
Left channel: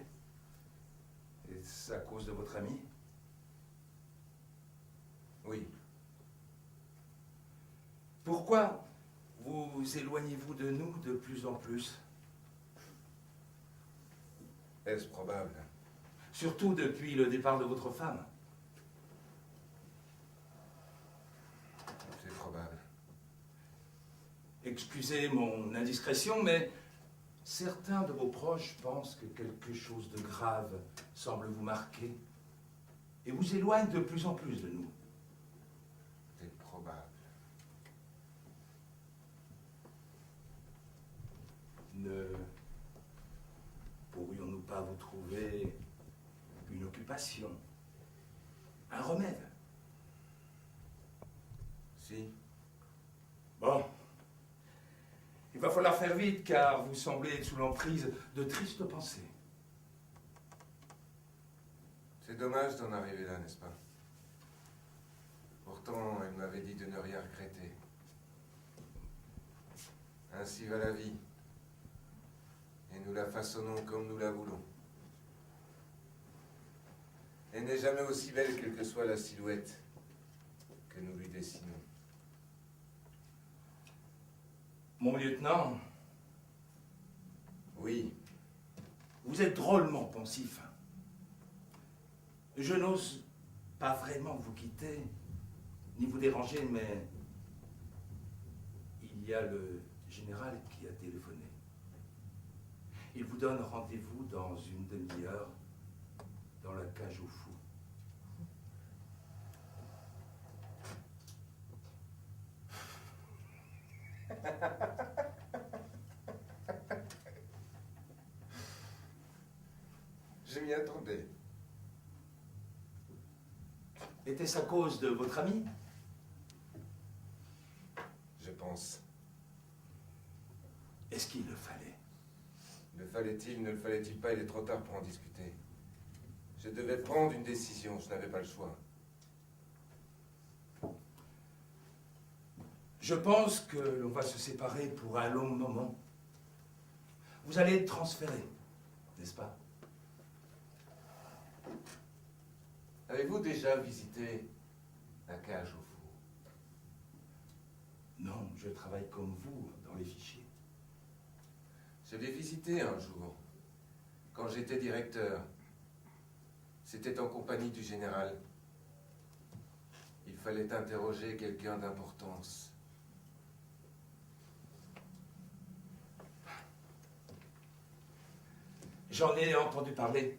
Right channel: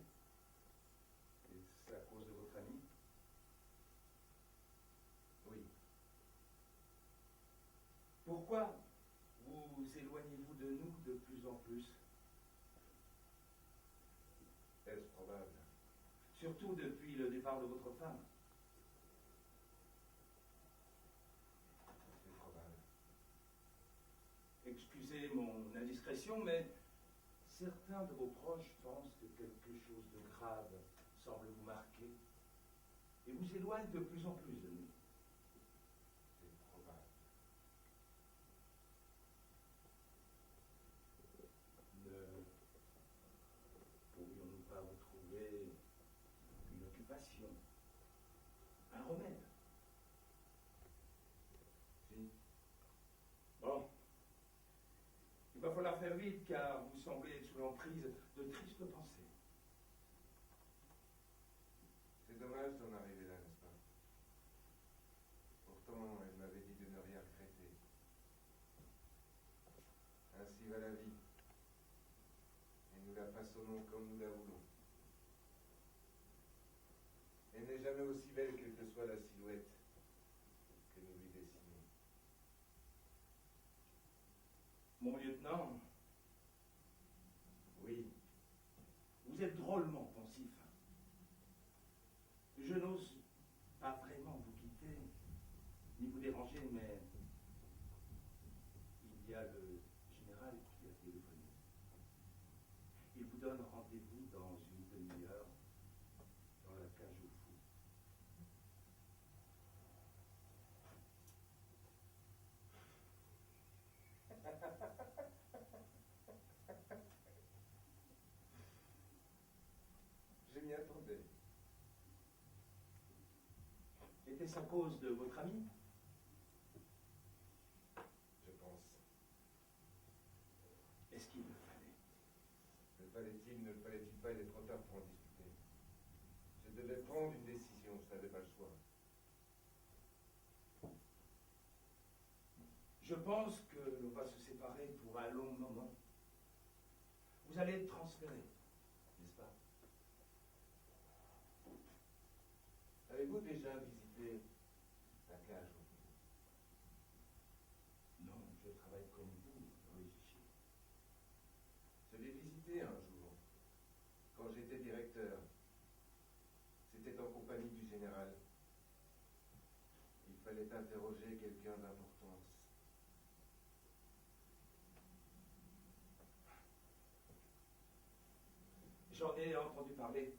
Est-ce à cause de votre ami? oui. Pourquoi vous éloignez-vous de nous de plus en plus? Est-ce probable? Surtout depuis le départ de votre femme. C'est probable. Excusez mon indiscrétion, mais certains de vos proches pensent que quelque chose de grave semble vous marquer et vous éloigne de plus en plus de nous. C'est probable. Ne pourrions-nous pas vous trouver une occupation, un remède? Si. Bon. Il va falloir faire vite car vous semblez être sous l'emprise de tristes pensées. C'est dommage d'en arriver là, n'est-ce pas? Pourtant, elle m'avait dit de ne rien regretter. Ainsi va la vie. Et nous la façonnons comme nous la voulons. Elle n'est jamais aussi belle quelle que soit la silhouette que nous lui dessinons. Mon lieutenant, Oui, vous êtes drôlement pensif. Je n'ose pas vraiment vous quitter, ni vous déranger, mais il y a le général qui a téléphoné. Il vous donne rendez-vous dans une demi-heure dans la cage aux fous. je m'y attendais. Était-ce à cause de votre ami? Je pense. Est-ce qu'il le fallait? Le fallait-il, ne le fallait-il pas? Il est trop tard pour en discuter. Je devais prendre une décision, je n'avais pas le choix. Je pense que l'on va se séparer pour un long moment. Vous allez être transféré, n'est-ce pas? Avez-vous déjà visité la cage au four? Non, je travaille comme vous dans les fichiers. Je l'ai visité un jour, quand j'étais directeur. C'était en compagnie du général. Il fallait interroger quelqu'un d'importance. J'en ai entendu parler.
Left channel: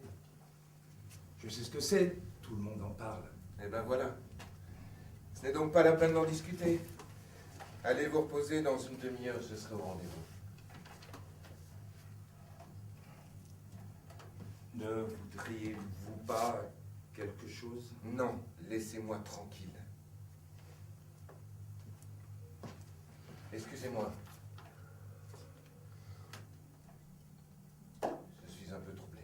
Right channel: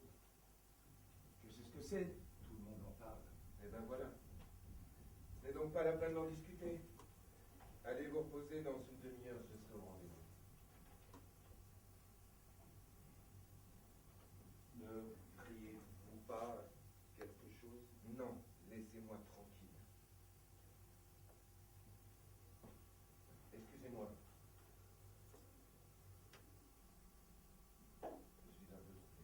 Je sais ce que c'est, tout le monde en parle. Eh ben voilà. Ce n'est donc pas la peine d'en discuter. Allez vous reposer, dans une demi-heure, je serai au rendez-vous. Ne voudriez-vous pas quelque chose? Non, laissez-moi tranquille. Excusez-moi. Je suis un peu troublé.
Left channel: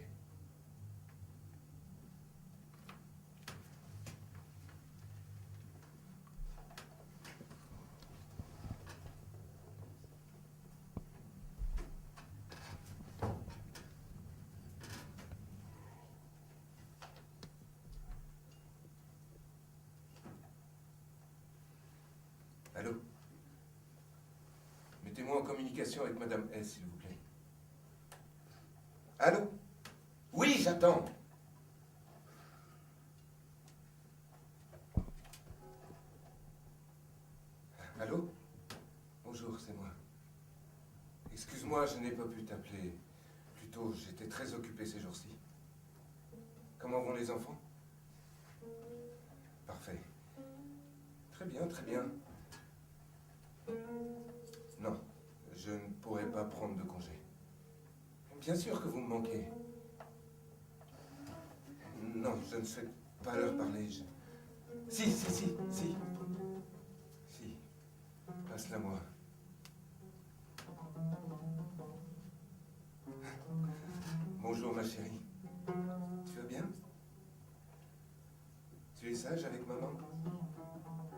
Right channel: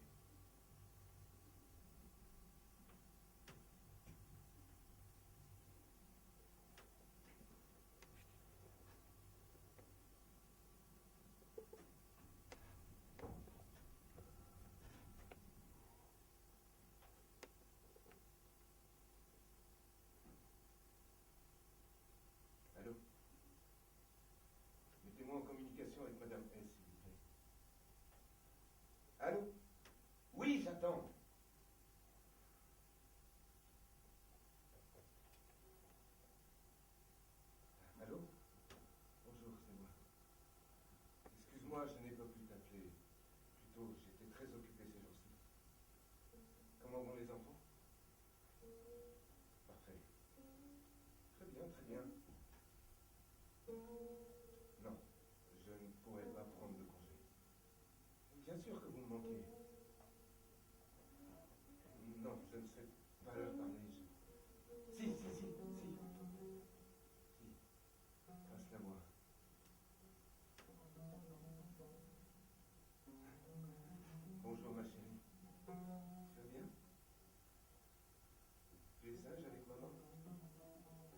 Allô? Mettez-moi en communication avec Madame S, s'il vous plaît. Allô? Oui, j'attends. Allô? Bonjour, c'est moi. Excuse-moi, je n'ai pas pu t'appeler plus tôt. J'étais très occupé ces jours-ci. Comment vont les enfants? Parfait. Très bien, très bien. Non, je ne pourrai pas prendre de congé. Bien sûr que vous me manquez. Non, je ne souhaite pas leur parler. Si. Si. Passe-la moi. Bonjour, ma chérie. Tu vas bien? Tu es sage avec maman?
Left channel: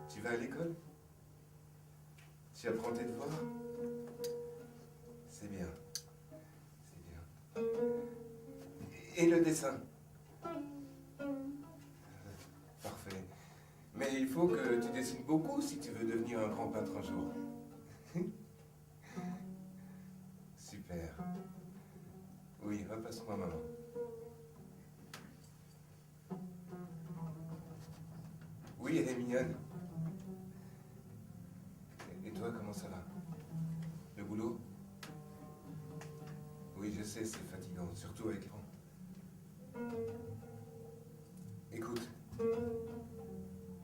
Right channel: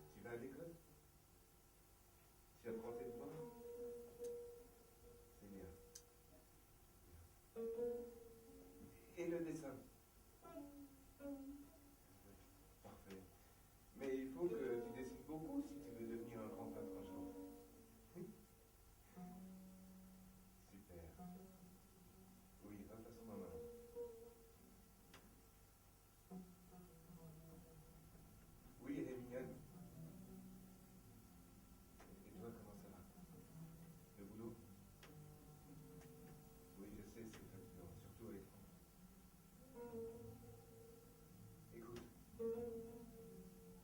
Tu vas à l'école? Tu apprends tes devoirs? C'est bien. C'est bien. Et le dessin? Parfait. Mais il faut que tu dessines beaucoup si tu veux devenir un grand peintre un jour. Super. Oui, repasse-moi maman. Oui, elle est mignonne. Et toi, comment ça va? Le boulot? Oui, je sais, c'est fatigant, surtout avec l'écran. Écoute,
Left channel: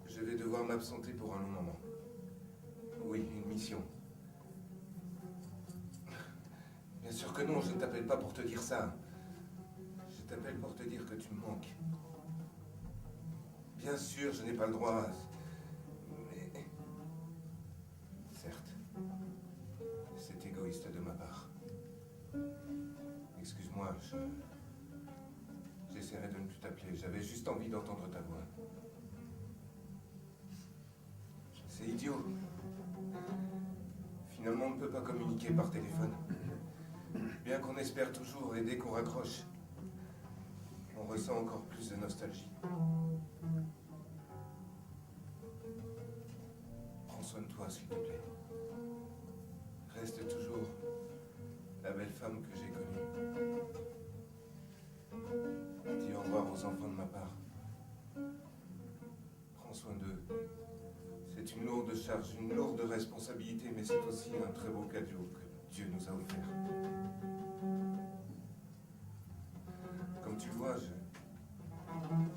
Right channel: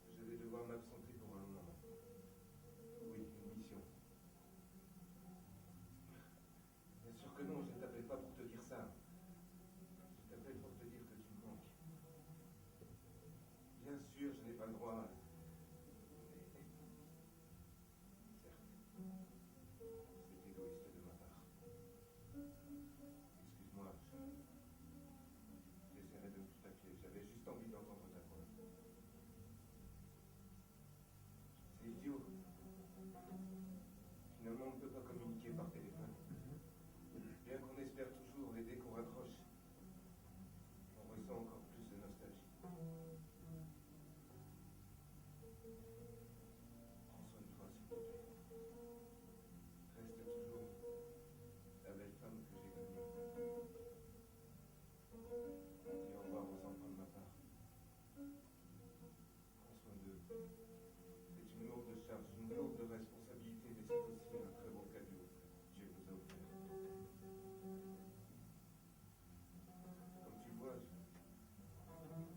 je vais devoir m'absenter pour un long moment. Oui, une mission. Bien sûr que non, je ne t'appelle pas pour te dire ça. Je t'appelle pour te dire que tu me manques. Bien sûr, je n'ai pas le droit. Mais... certes, c'est égoïste de ma part. Excuse-moi, j'essaierai de ne plus t'appeler. J'avais juste envie d'entendre ta voix. C'est idiot. Finalement, on ne peut pas communiquer par téléphone. Bien qu'on espère toujours, et dès qu'on raccroche, on ressent encore plus de nostalgie. Prends soin de toi, s'il te plaît. Reste toujours la belle femme que j'ai connue. Dis au revoir aux enfants de ma part. Prends soin d'eux. C'est une lourde charge, une lourde responsabilité, mais c'est aussi un très beau cadeau que Dieu nous a offert. Comme tu le vois,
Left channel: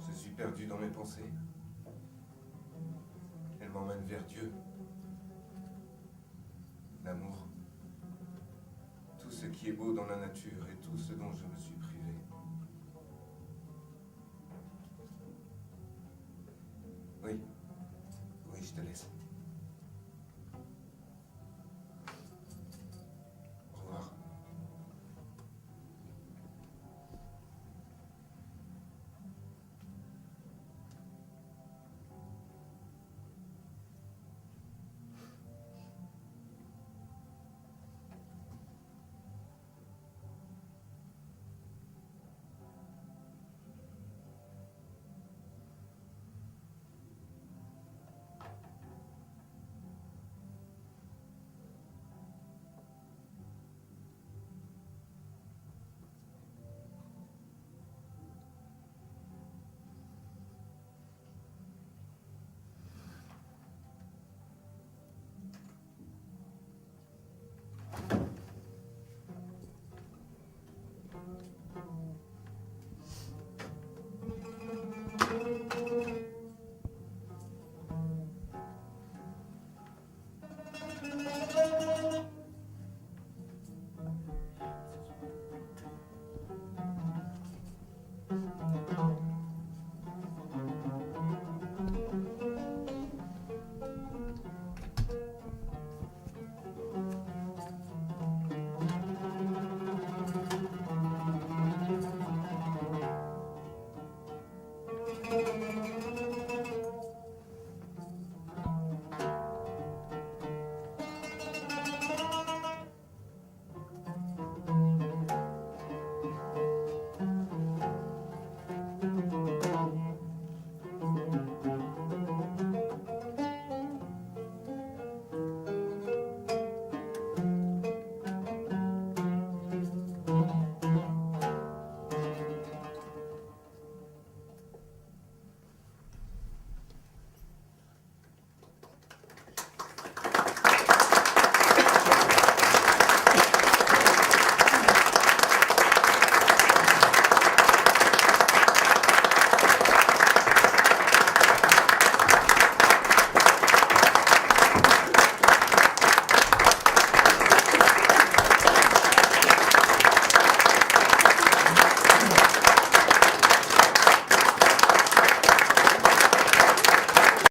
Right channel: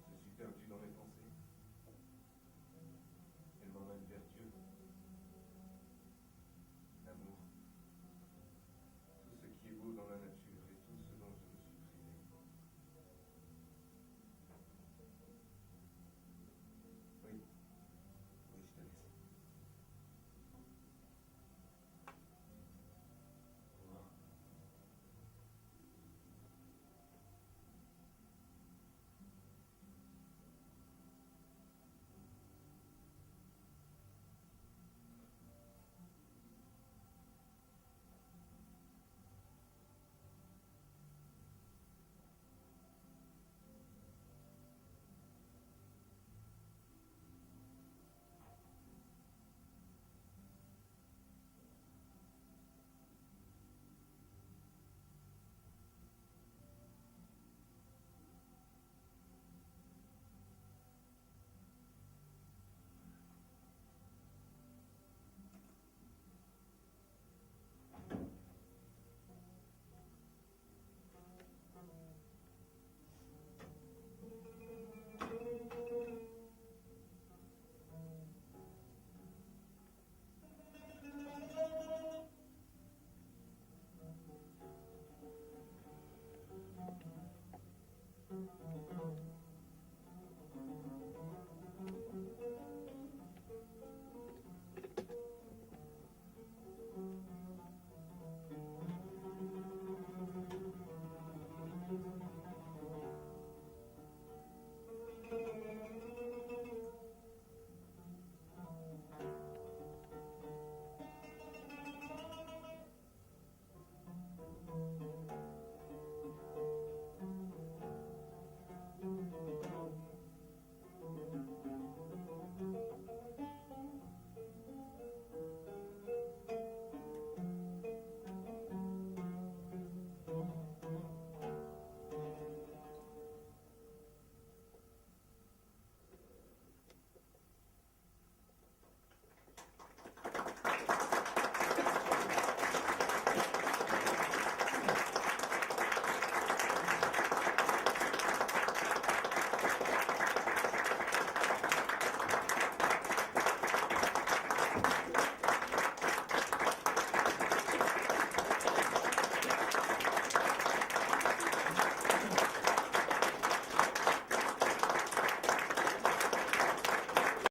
je suis perdu dans mes pensées. Elles m'emmènent vers Dieu, l'amour, tout ce qui est beau dans la nature et tout ce dont je me